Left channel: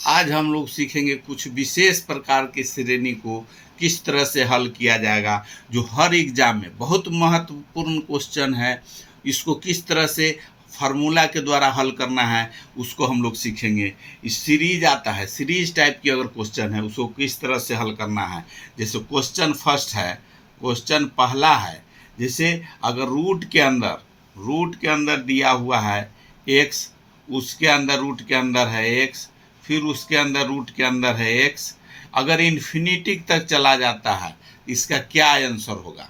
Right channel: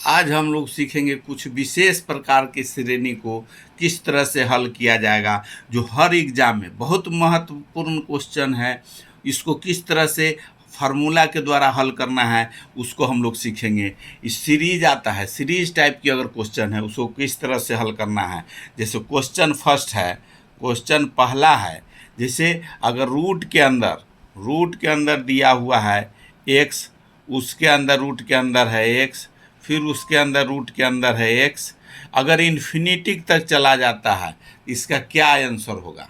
आज हम लोग सीखेंगे कुछ विशेष प्रकार की श्रेणी को किस तरह से हल किया जाएगा, जो हर एग्जाम में बहुत महत्वपूर्ण क्वेश्चन है। इसको किस तरह से फार्मूला के द्वारा हल करना है उसको हम लोग सीखेंगे। इस सीरीज आता है, सीरीज टाइप की अगर क्वेश्चन है उसको किस तरह से हल करना है। जैसे क्वेश्चन फर्स्ट है, क्वेश्चन पहला है, जैसे अगर रूट के अंदर दिया हुआ है एक्स, उसके अंदर रूट के अंदर है एक्स, फिर उसके अंदर रूट के अंदर है एक्स, अगर इन्फिनिटी तक चला जाता है, इसका क्या आंसर होगा।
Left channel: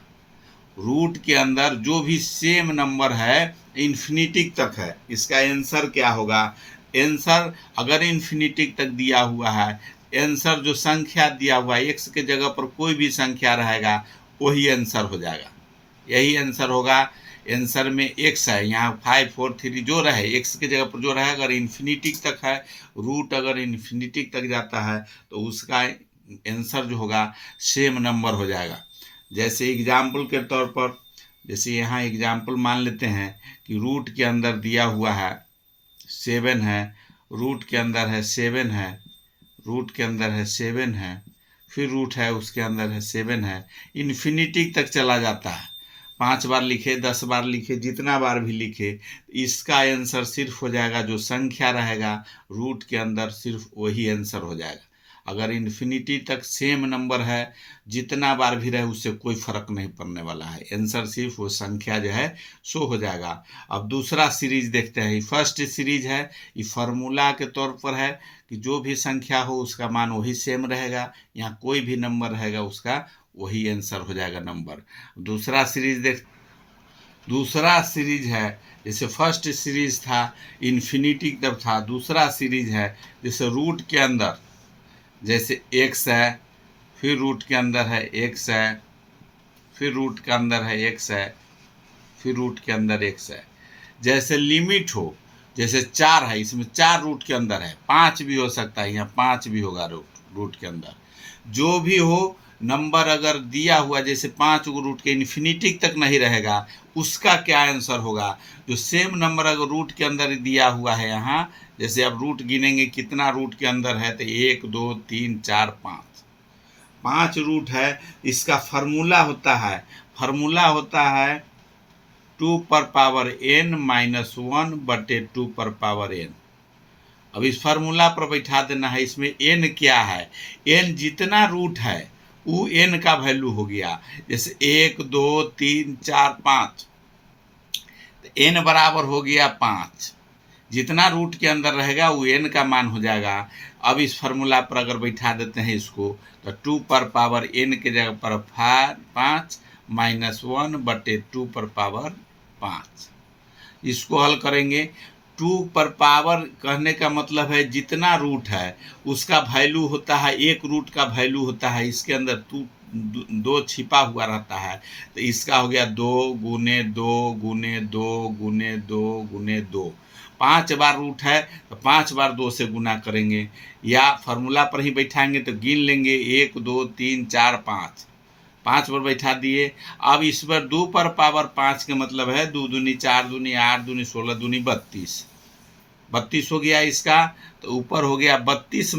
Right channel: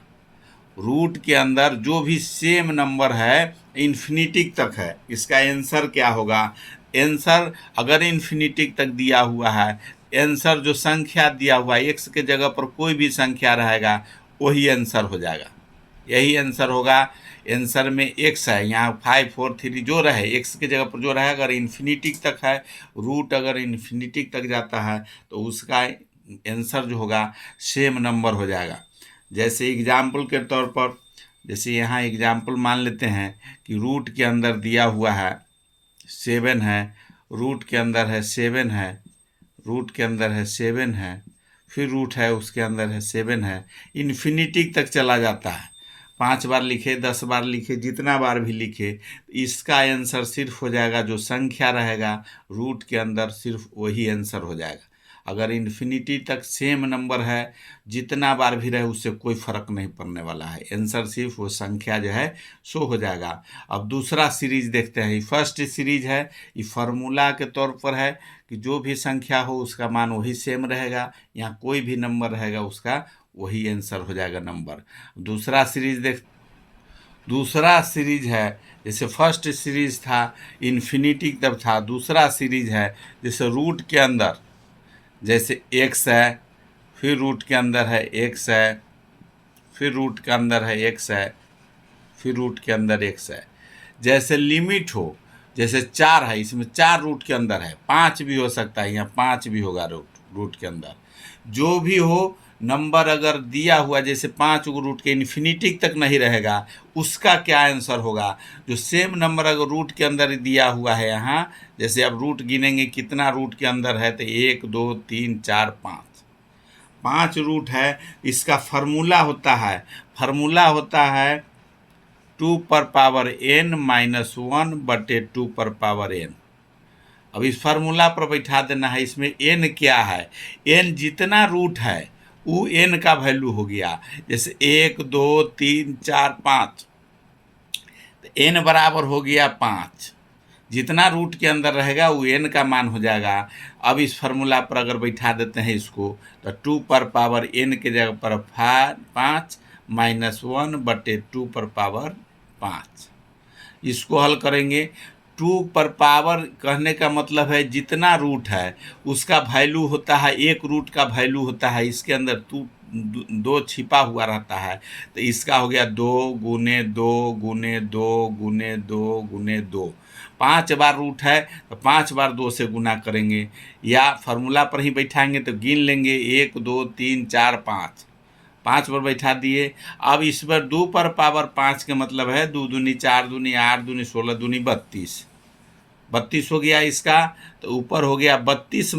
रूट के अंदर जो भी सेम नंबर है इन्फिनिटी तक है, इसका आंसर क्या होगा। आंसर अगर इन्फिनिटी तक दिया हुआ है, आंसर जो संख्या दिया हुआ है एक्स के जगह पर कोई भी संख्या रहेगा वही आंसर हो जाएगा, यही आंसर होगा। आंसर में एक्स है, यहाँ 5 4 3 जो रहे एक्स की जगह पर जो रहे, अगर इन्फिनिटी तक है, रूट अगर इन्फिनिटी तक जाता है तो उसका आंसर जो होगा सेम नंबर हो जाएगा। जैसे एग्जाम्पल के तौर पर, जैसे यहाँ एग्जाम्पल मान लेते हैं कि रूट के अंदर दिया हुआ है 7 है, रूट के अंदर है 7 है, रूट के अंदर है 7 है, फिर रूट है उसके अंदर है 7 है, इन्फिनिटी तक चला जाता है। 5 बार लिखे, 10 बार लिखे, जितना बार भी लिखे, इसका आंसर सिर्फ हो जाएगा जो संख्या रहेगा रूट के अंदर, सिर्फ वही आंसर हो जाएगा। अगर इन्फिनिटी तक सेम नंबर है, जितना बार भी रहे उससे कोई फर्क नहीं पड़ने वाला है, आंसर सिर्फ वो संख्या जो है शो हो जाएगा। अब दूसरा सीरीज देखते हैं। फर्स्ट सीरीज है, ये फार्मूला के तौर पर है कि जो भी संख्या हो उसका मान वही सेम रहेगा, यहाँ कोई भी नंबर रहेगा उसका वही आंसर हो जाएगा नंबर। दूसरा सीरीज है, जैसे फर्स्ट सीरीज था इन्फिनिटी तब था, दूसरा सीरीज है जैसे रूट के अंदर जैसे एक्स है, फिर रूट के अंदर है एक्स है, फिर रूट के अंदर है एक्स है, फिर रूट के अंदर एक्स है। जैसे लिमिट हो, जैसे 4 है, इसमें 4 रूट के अंदर है, 5 भी हो सकता है, यहाँ 5 भी होगा रूट के अंदर। जो भी हो नंबर अगर दिया हुआ, जैसे 5 को रूट के इन्फिनिटी तक नहीं रहेगा, उसका क्या आंसर होगा। जो सेम नंबर अगर रूट के अंदर दिया हुआ है, यहाँ जैसे अब रूट गिनेंगे कितना रूट के अंदर है, तो 1 2 3 4 5 रूट है। इसका फार्मूला होता है 2^n-1/2^n। अब इस फार्मूला पर बैठा देना है। इसमें n क्या है, n जितना रूट है वो n का वैल्यू हो गया। जैसे 1 2 3 4 5, n बराबर हो गया 5, जितना रूट के अंदर रहेगा वो n का मान हो जाएगा। अब इस फार्मूला पर अगर बैठा देते हैं इसको, तो 2^n के जगह पर 5 -1/2^5। इसको हल करेंगे। 2 कहने का मतलब है जितना रूट है उसका वैल्यू होता है, एक रूट का वैल्यू होता है, इसके अंदर 2 छिपा हुआ रहता है, तो इसका हो गया 2 गुने 2 गुने 2 गुने 2 गुने 2। 5 बार रूट है तो 5 बार 2 से गुना करेंगे, या फार्मूला पर ही बैठाएंगे तो गिन लेंगे 1 2 3 4 5 पर बैठा दिए। अब इस पर 2^5 के मतलब है 2 दूनी 4 दूनी 8 दूनी 16 दूनी 32 हो गया इसका। तो ऊपर हो गया 32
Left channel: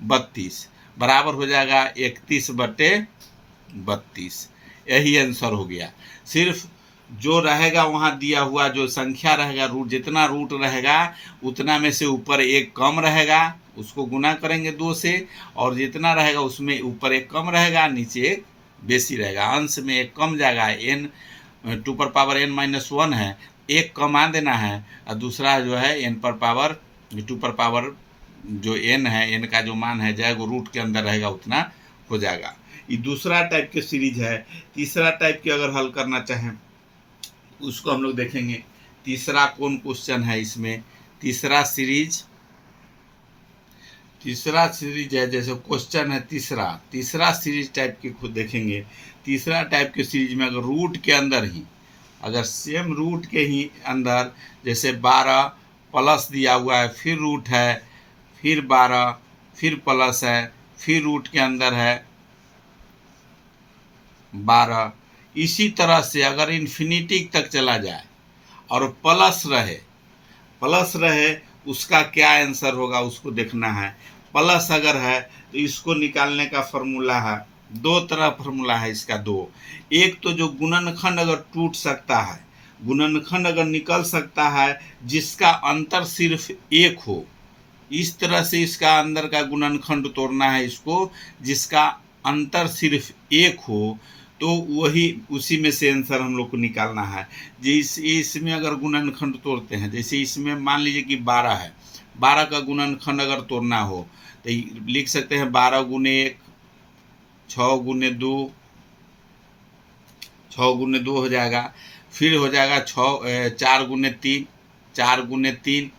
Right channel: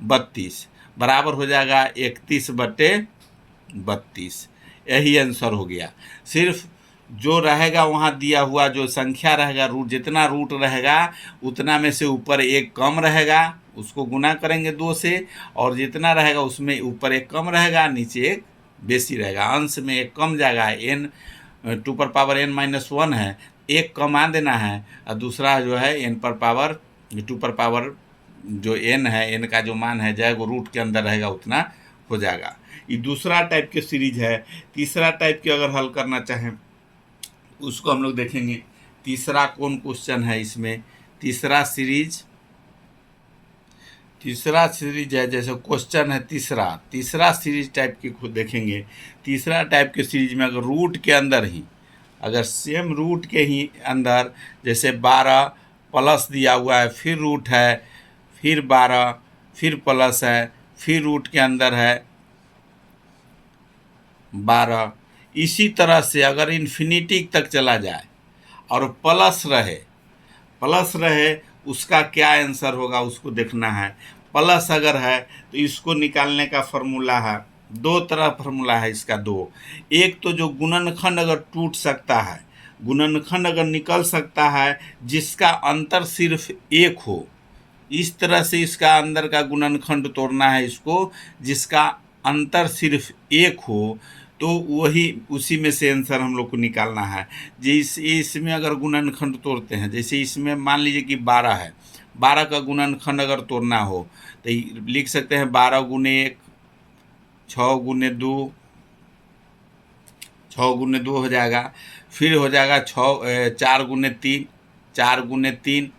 -1 बराबर हो जाएगा 31/32। यही आंसर हो गया। सिर्फ जो रहेगा वहाँ दिया हुआ जो संख्या रहेगा, रूट जितना रूट रहेगा उतना में से ऊपर एक कम रहेगा, उसको गुना करेंगे 2 से, और जितना रहेगा उसमें ऊपर एक कम रहेगा, नीचे एक बेसी रहेगा, अंश में एक कम जाएगा। n 2^n-1 है, एक कमा देना है, और दूसरा जो है n 2 जो n है, n का जो मान है जाएगा रूट के अंदर रहेगा उतना हो जाएगा। ये दूसरा टाइप के सीरीज है। तीसरा टाइप के अगर हल करना चाहें उसको हम लोग देखेंगे। तीसरा कौन क्वेश्चन है इसमें, तीसरा सीरीज है, जैसे क्वेश्चन है तीसरा सीरीज टाइप के खुद देखेंगे। तीसरा टाइप के सीरीज में अगर रूट के अंदर ही, अगर सेम रूट के ही अंदर जैसे 12 प्लस दिया हुआ है, फिर रूट है, फिर 12, फिर प्लस है, फिर रूट के अंदर है 12, इसी तरह से अगर इन्फिनिटी तक चला जाए और प्लस रहे उसका क्या आंसर होगा उसको देखना है। प्लस अगर है तो इसको निकालने का फॉर्मूला है, दो तरह फॉर्मूला है इसका दो। एक तो जो गुणनखंड अगर टूट सकता है, गुणनखंड अगर निकल सकता है जिसका अंतर सिर्फ एक हो, इस तरह से इसका अंदर का गुणनखंड तोड़ना है इसको, जिसका अंतर सिर्फ एक हो, तो वही उसी में से आंसर हम लोग को निकालना है। इसमें अगर गुणनखंड तोड़ते हैं, जैसे इसमें मान लीजिए कि 12 है, 12 का गुणनखंड अगर तोड़ना हो तो लिख सकते हैं 12 गुने 1, 6 गुने 2, 6 गुने 2 हो जाएगा, फिर हो जाएगा 4 गुने 3, 4 गुने 3,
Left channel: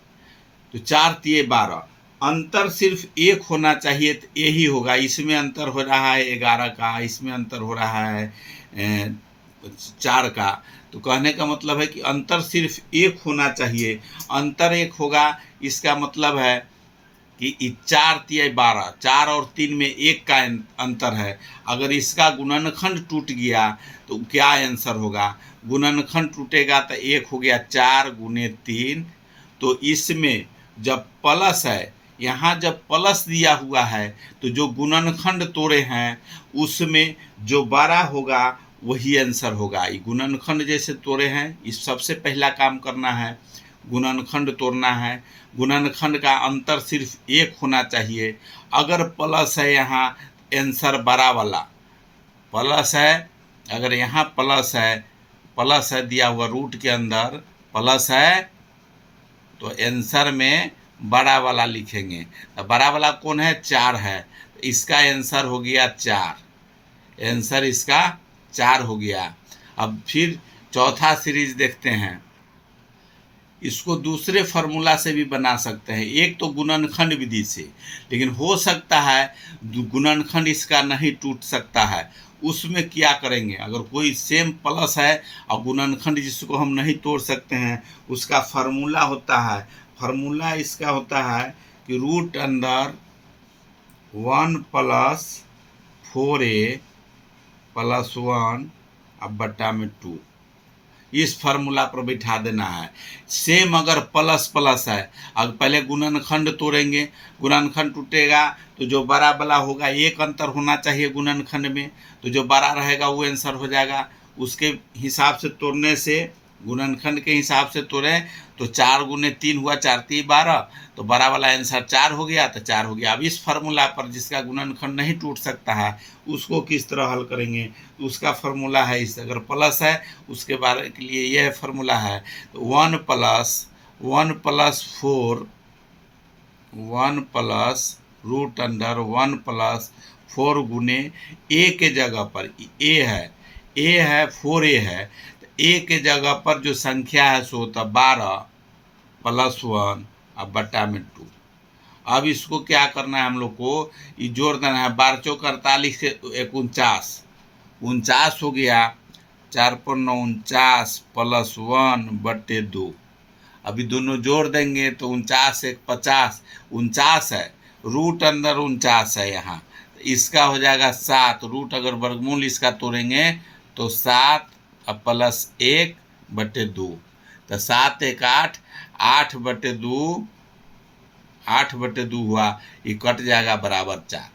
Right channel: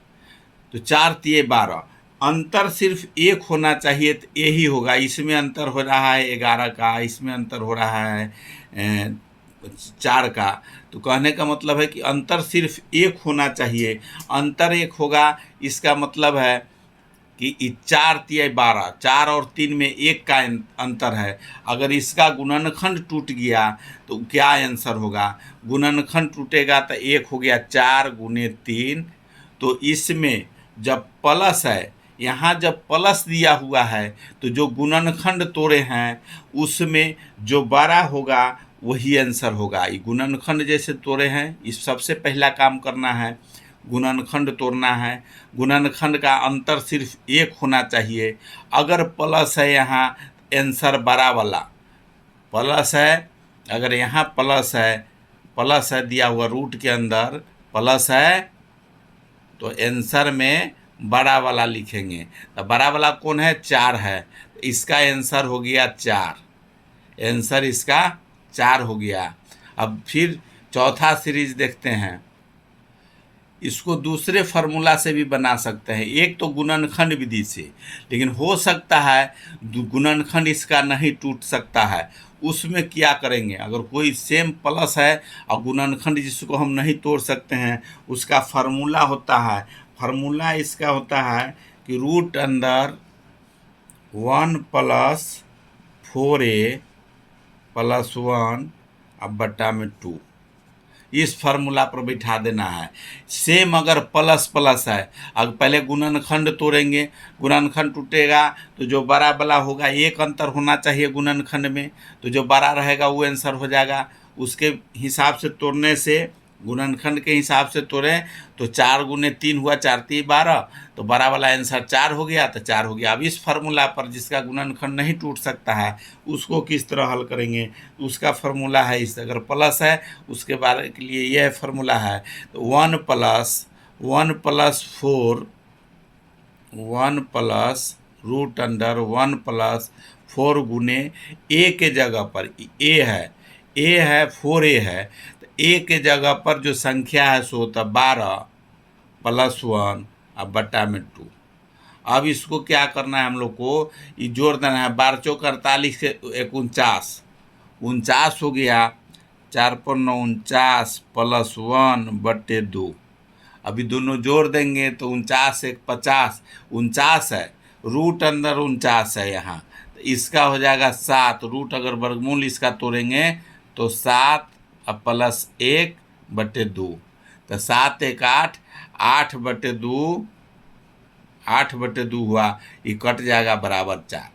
तो 4 तिये 12। अंतर सिर्फ एक होना चाहिए तो यही होगा। इसमें अंतर हो रहा है 11 का, इसमें अंतर हो रहा है 4 का, तो कहने का मतलब है कि अंतर सिर्फ एक होना चाहिए। अंतर एक होगा, इसका मतलब है कि 4 तिये 12, 4 और 3 में 1 का अंतर है। अगर इसका गुणनखंड टूट गया तो क्या आंसर होगा? गुणनखंड टूटेगा तो 1 हो गया 4 गुने 3, तो इसमें जब प्लस है, यहाँ जब प्लस दिया हुआ है तो जो गुणनखंड तोड़े हैं उसमें जो बड़ा होगा वही आंसर होगा। ये गुणनखंड जैसे तोड़े हैं, इस सबसे पहला काम करना है, गुणनखंड तोड़ना है। गुणनखंड का अंतर सिर्फ एक होना चाहिए। अगर प्लस है यहाँ, आंसर बड़ा वाला प्लस है, अगर यहाँ प्लस है दिया हुआ रूट के अंदर प्लस है, तो आंसर में बड़ा वाला लिखेंगे। तो बड़ा वाला कौन है? 4 है, तो इसका आंसर हो गया 4, आंसर इसका 4 हो गया। अब फिर चौथा सीरीज देखते हैं, इसको दूसरे फार्मूला से भी बना सकते हैं। एक तो गुणनखंड विधि से, लेकिन हो सकता है गुणनखंड इसका नहीं टूट सकता है। उसमें क्या करेंगे? अगर कोई सेम प्लस है और गुणनखंड जिसको हम नहीं तोड़ सकते हैं, उसका फार्मूला होता है, फार्मूला इसका होता है कि रूट अंदर 1 + 4a + 1 अब बटा में 2, इस फार्मूला पर बैठा देना है। सेम अगर प्लस प्लस है, अगर पहले गुणनखंड तोड़ेंगे, गुणनखंड टूटेगा तो जो बड़ा वाला होगा, एक अंतर होना चाहिए गुणनखंड में, तो जो बड़ा रहेगा वो आंसर हो जाएगा। उसके हिसाब से तोड़ने से, गुणनखंड के हिसाब से तोड़ें तो 4 गुने 3 हुआ, 4 3 12, तो बड़ा वाला आंसर 4 हो गया, तो 4 हो गया। अब इस फार्मूला पर जिसका गुणनखंड नहीं टूट सकता है उसको किस तरह हल करेंगे? उसका फार्मूला है इस, अगर प्लस है उसके बारे के लिए यह फार्मूला है, तो 1 + 4, 1 प्लस रूट अंडर 1 + 4 गुने ए के जगह पर ए है 4a है, तो ए के जगह पर जो संख्या है सो होता 12 + 1 अब बटा में 2। अब इसको क्या करना है हम लोग को? ये जोड़ देना है, 12 चौक 48 से 49, 49 हो गया, 4 × 9 49 + 1 बटे 2। अभी दोनों जोड़ देंगे तो 49 1 50, 49 है, रूट अंदर 49 है यहाँ, तो इसका हो जाएगा 7, रूट अगर वर्गमूल इसका तोड़ेंगे तो 7 + 1 बटे 2, तो 7 1 8, 8 बटे 2, 8 बटे 2 हुआ, ये कट जाएगा बराबर 4।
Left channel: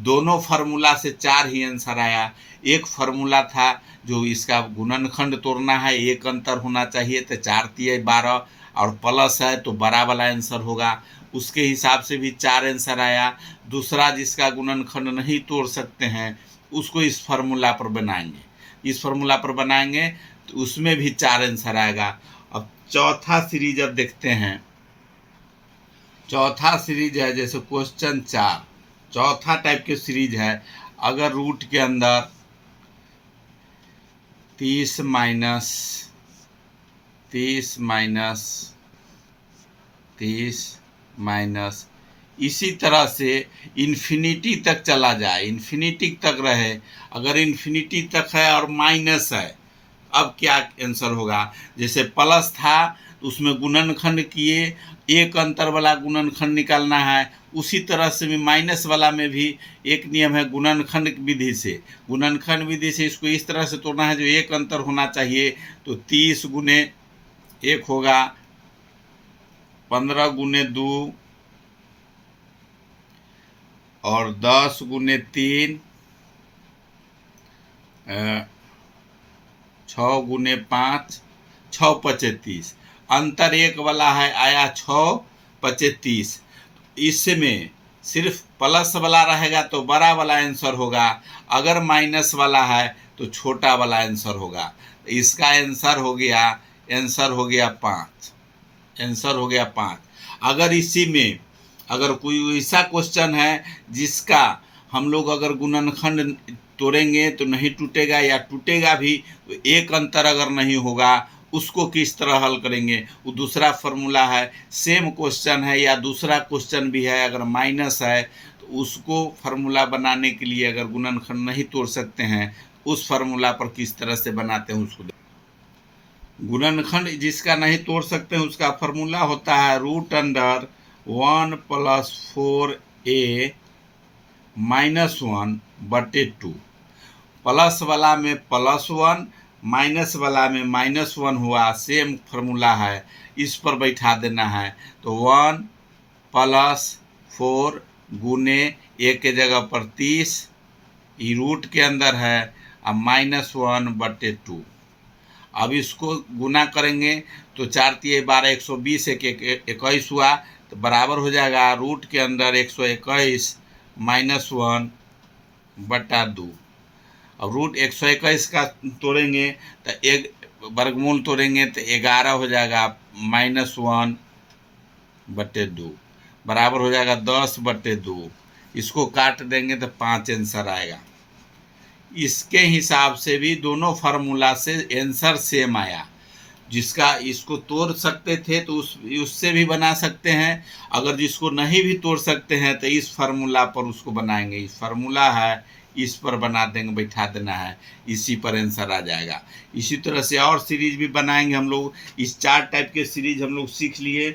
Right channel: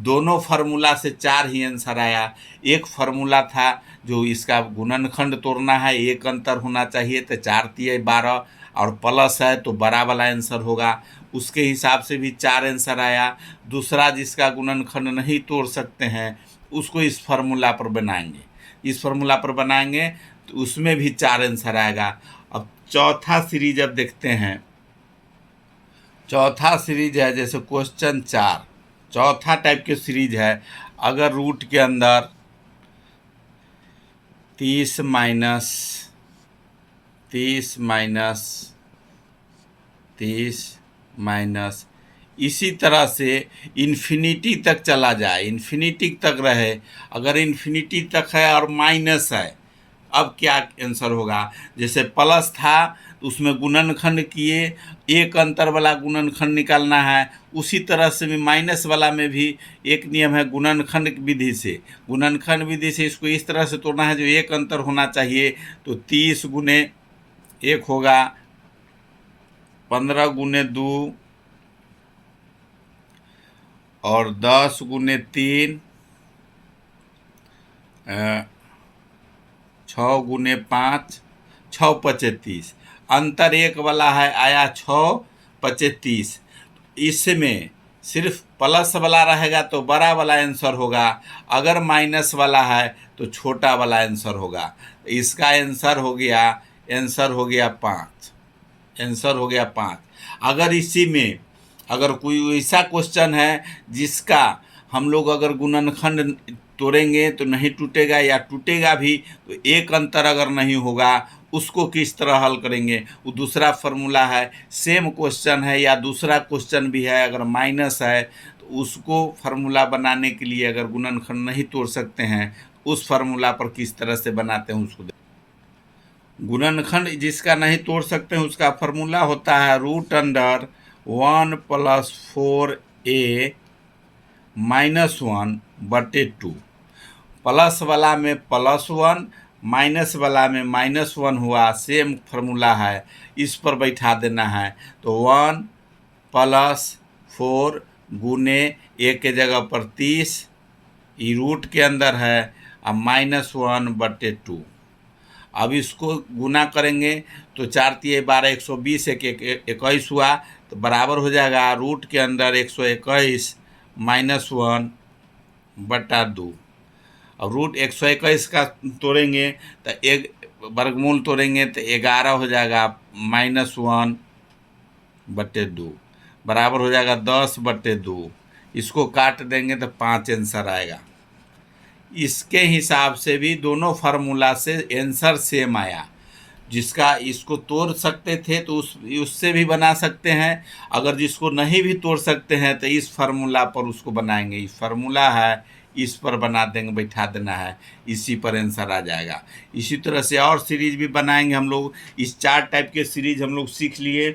दोनों फार्मूला से 4 ही आंसर आया। एक फार्मूला था जो इसका गुणनखंड तोड़ना है, एक अंतर होना चाहिए, तो 4 तिये 12, और प्लस है तो बड़ा वाला आंसर होगा, उसके हिसाब से भी 4 आंसर आया। दूसरा जिसका गुणनखंड नहीं तोड़ सकते हैं उसको इस फार्मूला पर बनाएंगे, इस फार्मूला पर बनाएंगे तो उसमें भी 4 आंसर आएगा। अब चौथा सीरीज अब देखते हैं। चौथा सीरीज है जैसे क्वेश्चन 4, चौथा टाइप के सीरीज है। अगर रूट के अंदर 30 माइनस इसी तरह से इन्फिनिटी तक चला जाए, इन्फिनिटी तक रहे। अगर इन्फिनिटी तक है और माइनस है, अब क्या आंसर होगा? जैसे प्लस था उसमें गुणनखंड किए, एक अंतर वाला गुणनखंड निकालना है, उसी तरह से भी माइनस वाला में भी एक नियम है गुणनखंड विधि से। गुणनखंड विधि से इसको इस तरह से तोड़ना है जो एक अंतर होना चाहिए, तो 30 गुने 1 होगा 15 गुने 2 और 10 गुने 3, 6 गुने 5, 6 पचे 30। अंतर एक वाला है, आया 6 पचे 30। इसमें सिर्फ प्लस वाला रहेगा तो बड़ा वाला आंसर होगा, अगर माइनस वाला है तो छोटा वाला आंसर होगा। इसका आंसर हो गया 5। आंसर हो गया 5। अगर इसी में अगर कोई ऐसा क्वेश्चन है जिसका हम लोग अगर गुणनखंड तोड़ेंगे तो नहीं टूटेगा या टूटेगा भी, तो एक अंतर अगर नहीं होगा, उसको किस तरह हल करेंगे, वो दूसरा फार्मूला है। सेम क्वेश्चन है या दूसरा क्वेश्चन भी है, अगर माइनस है तो उसको फार्मूला बनाने के लिए अगर गुणनखंड नहीं तोड़ सकते हैं, उस फार्मूला पर किस तरह से बनाते हैं उसको। गुणनखंड जिसका नहीं तोड़ सकते हैं उसका फार्मूला होता है √1 + 4a -1 बटे 2। प्लस वाला में +1, माइनस वाला में -1 हुआ, सेम फार्मूला है, इस पर बैठा देना है। तो 1 + 4 गुने a के जगह पर 30, ये रूट के अंदर है, अब -1 बटे 2। अब इसको गुना करेंगे तो 4 × 12 120, 21 हुआ, तो बराबर हो जाएगा रूट के अंदर 121 -1 बटा 2। अब रूट 121 का तोड़ेंगे तो एक वर्गमूल तोड़ेंगे तो 11 हो जाएगा, -1 बटे 2 बराबर हो जाएगा 10 बटे 2। इसको काट देंगे तो 5 आंसर आएगा। इसके हिसाब से भी दोनों फार्मूला से आंसर सेम आया। जिसका इसको तोड़ सकते थे तो उससे भी बना सकते हैं, अगर जिसको नहीं भी तोड़ सकते हैं तो इस फार्मूला पर उसको बनाएंगे। इस फार्मूला है, इस पर बना देंगे, बैठा देना है, इसी पर आंसर आ जाएगा। इसी तरह से और सीरीज भी बनाएंगे हम लोग। इस 4 टाइप के सीरीज हम लोग सीख लिए।